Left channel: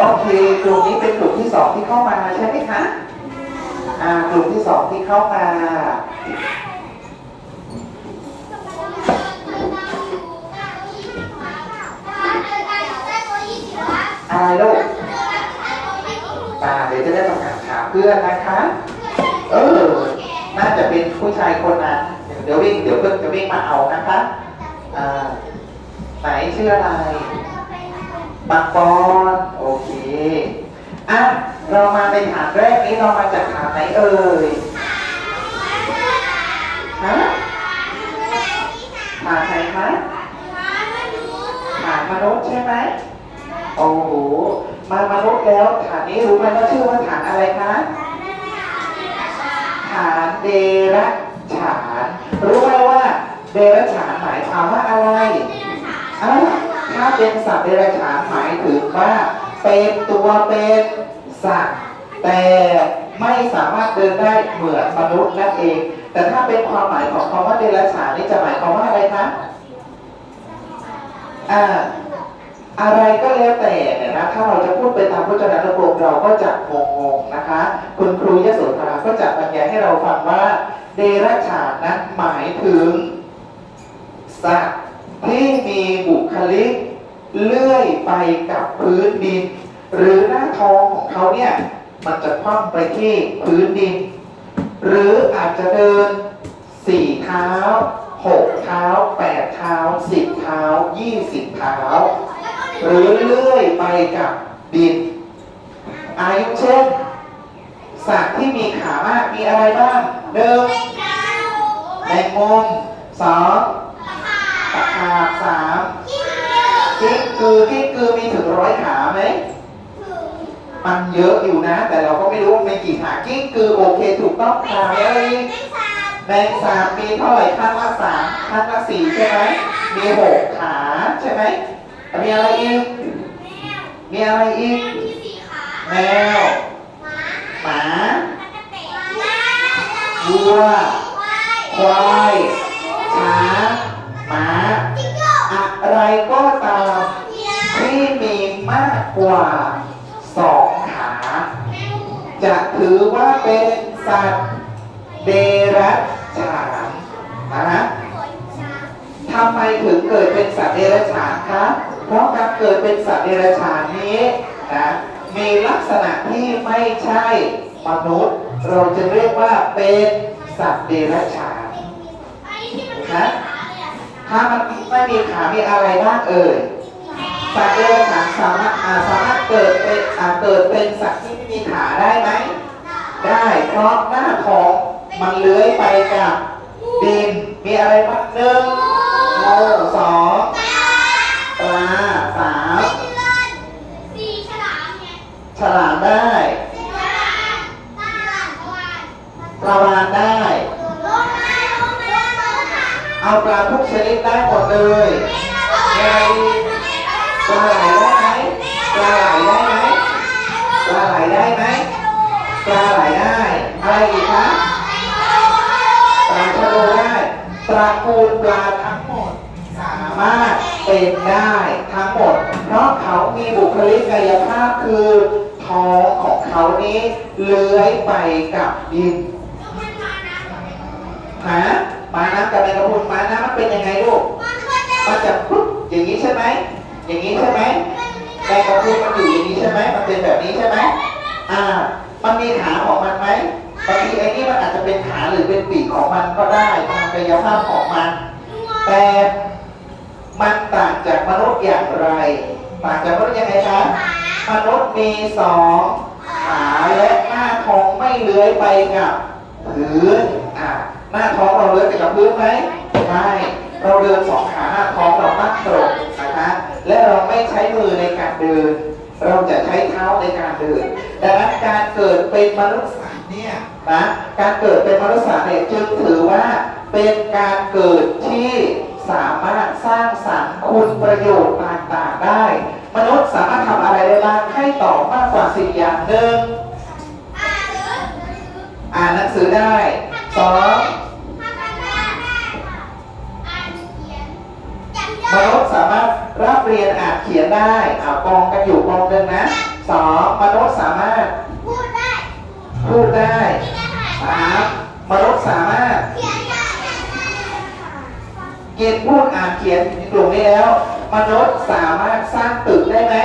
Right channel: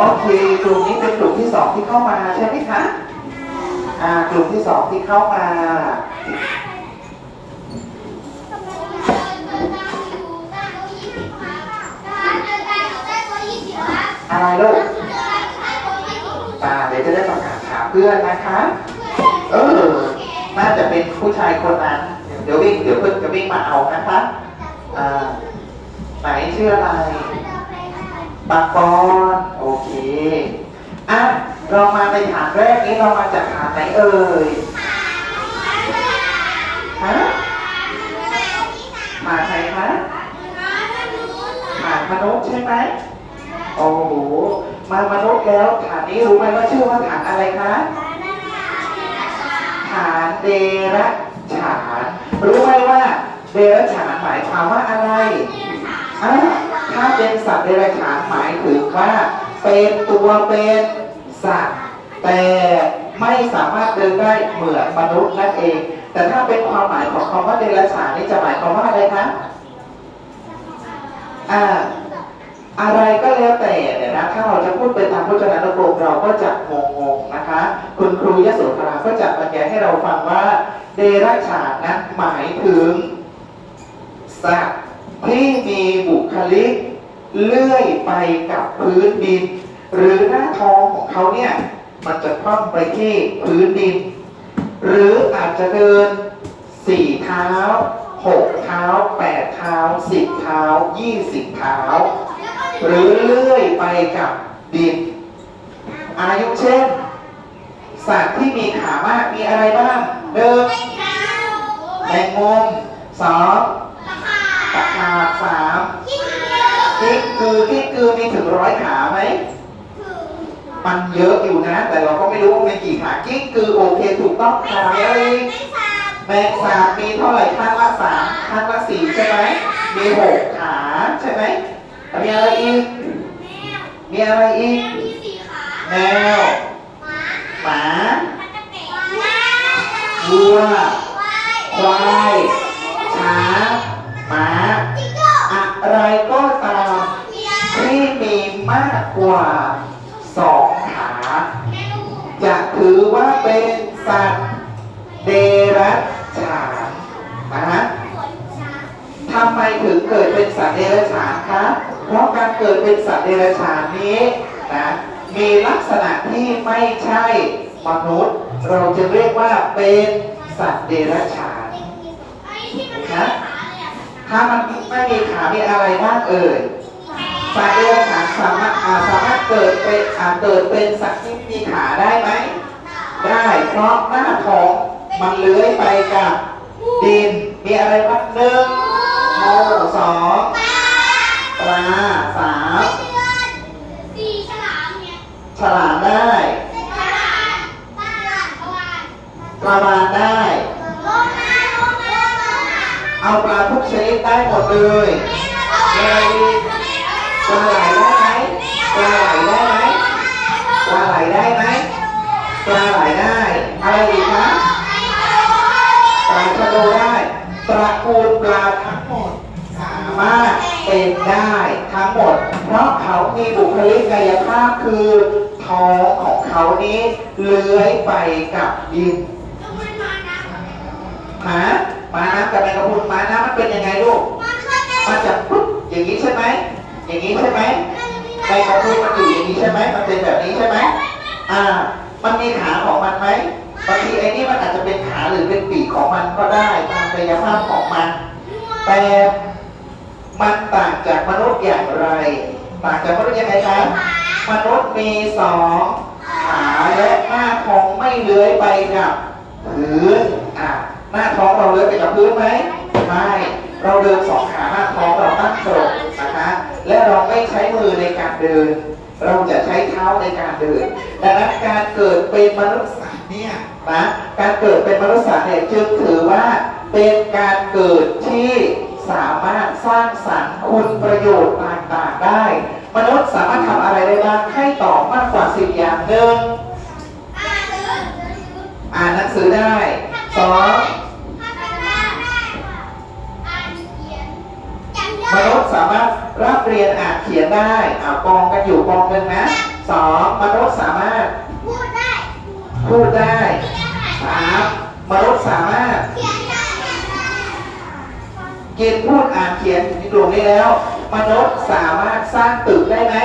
โอเคกลุ่มนี้เป็นกลุ่มที่สองที่เข้ามาใช่ไหมคะอ่ากลุ่มที่สองที่เข้ามาอะไรลูกอ่าเดี๋ยวจะได้มาถามถามเพื่อนนะคะ เออ น่าจะเป็นผู้ชายคนนั้น เดี๋ยววิ่ง เดี๋ยวเพื่อนจะวิ่งมาเอานะคะ อ่า ไหนชื่ออะไรบางปอน อะเรามาในฐานแรกนี้เรามาจากฐานไหนเอ่ยฮะฐานไหนคะฐานมนุษย์ใช่ไหมโอ้โหมามนุษย์แล้วฐานนี้รู้ไหมว่าชื่อว่าฐานอะไรคะฐานเดรัจฉานรู้ไหมว่าเดรัจฉานหมายความว่าอะไรอะถ้าเป็นสัตว์เดรัจฉานหมายถึงว่า เป็นตัวเป็นสัตว์แต่ไม่สามารถเดินได้เหมือนมนุษย์นั่นเอง แต่ถ้าเป็นความหมายของคำว่าเดรัจฉานนี่จะหมายความว่าอะไรคะอ่าอะไรก็แล้วแต่เนี่ยนะถ้าเราจะพูดไปตามพจนานุกรมเราก็จะงงๆนะคะ คุณครูยโสธราก็จะบรรยายให้เราฟังว่าเดรัจฉานนั้นหมายถึงสัตว์ที่มีบุคลิก เลื่อยไปกับพื้นดิน หรือหน้าท้องของเขาเนี่ยมันจะคว่ำไปที่พื้นดิน หรืออาจจะเดินสี่เท้าหกเท้าแปดเท้าสิบเท้ายี่สิบเท้า หรือเลื่อยไปกับดิน อายุเช่น สัตว์ที่มีขามากมีอะไรบ้างหนึ่งแมงมุมสองตะขาบสาม กิ้งกือกิ้งกือมีถึงร้อยขาไหม มันเยอะอยู่นะ แต่เราก็ไม่รู้ว่ามีกี่ขากิ้งกือโอเคถูกต้องขาแล้วอีกแมงสาบมีเท่าไหร่ข้างละสามข้างละสี่ใช่ไหม มีหกขาใช่ไหมมีอะไรอีก มีอะไรอีก แมว หมาวัวคว เป็นสัตว์เดรัจฉานนะฮะทำไมถึงเกิดเป็นสัตว์เดรัจฉานคะเพราะการเกิดเป็นสัตว์เดรัจฉานนี้นะมีลักษณะที่ไม่ใช่มนุษย์ เราจะเรียกว่าเป็นสัตว์เดรัจฉานถ้ามันไม่มีขามีอะไรบ้างเอ่ยสัตว์เดรัจฉานสามารถอ่าสามารถเกิดเป็นอ่าเกิดเป็นสัตว์ที่มีขาได้ไหม ได้เพราะหน้าท้องมันเลื้อยไปกับดินมีอะไรบ้างหนึ่งงูสองปลาสามฉลามได้ปลาวานได้เอาปลาทุกชนิดได้หมดเลยมีอะไรอีกปลาไหลได้ไหมปลาไหลได้ไหมปลาไหลได้ไหม ปลาไหลได้อะไรอีกคะปลาชะโดได้ตระกูลปลาทั้งหมด สามารถเป็นได้ทั้งหมด เพราะเขามีบุคลิกกายภาพคือท้องของเขานี้เลื้อยไปกับดินหาหมาน้ำกับแมงกะพรุนหมาน้ำมันเป็นยังไงลูก มันจะปุ๊บอย่างนี้ใช่ไหม อย่างนี้ใช่ไหมแมงกะพรุนมันอยู่อย่างนี้ใช่ไหม มันเป็นแบบนี้ใช่ไหมอ่า มันมีขาของมันไหมบางทีไอ้นี่มันอาจจะเป็นขาหรือเป็นปีกของมันก็ได้ตามกายภาพของมัน แต่มันต่างจากมนุษย์อย่างไร ต่างจากมนุษย์ยังไงคะมนุษย์มีสองขาและหน้าท้องไม่เลื้อยไปกับพื้นอ่าหน้าท้องเราเลื้อยไปกับพื้นไหมไม่เราเดินสองขาหน้าท้องเราตั้งตรง และเราไม่ใช้มือในการเดิน เราจะใช้เท้าในการเดิน ดังนั้นการเกิดเป็นมนุษย์สัตว์เนี่ยนะการเกิดเป็นมนุษย์สัตว์เนี่ยจึงถือว่าเป็นการเกิดที่สามารถสร้างสรรค์คุณประโยชน์ต่างๆได้ มนุษย์สามารถทำอะไรได้บ้างให้ตอบมากกว่าสิ่งอย่างหนึ่งอ่านหนังสือได้สอง มนุษย์สามารถรับเรียนอ่านเขียนได้อ่ากองกันอยู่กองหนึ่งนะสองมนุษย์สามารถพูดได้พูดได้สามมนุษย์สามารถเขียนพูดอ่านเขียนกลุ่มนี้แล้ว มนุษย์สามารถสร้างตึกได้ไหม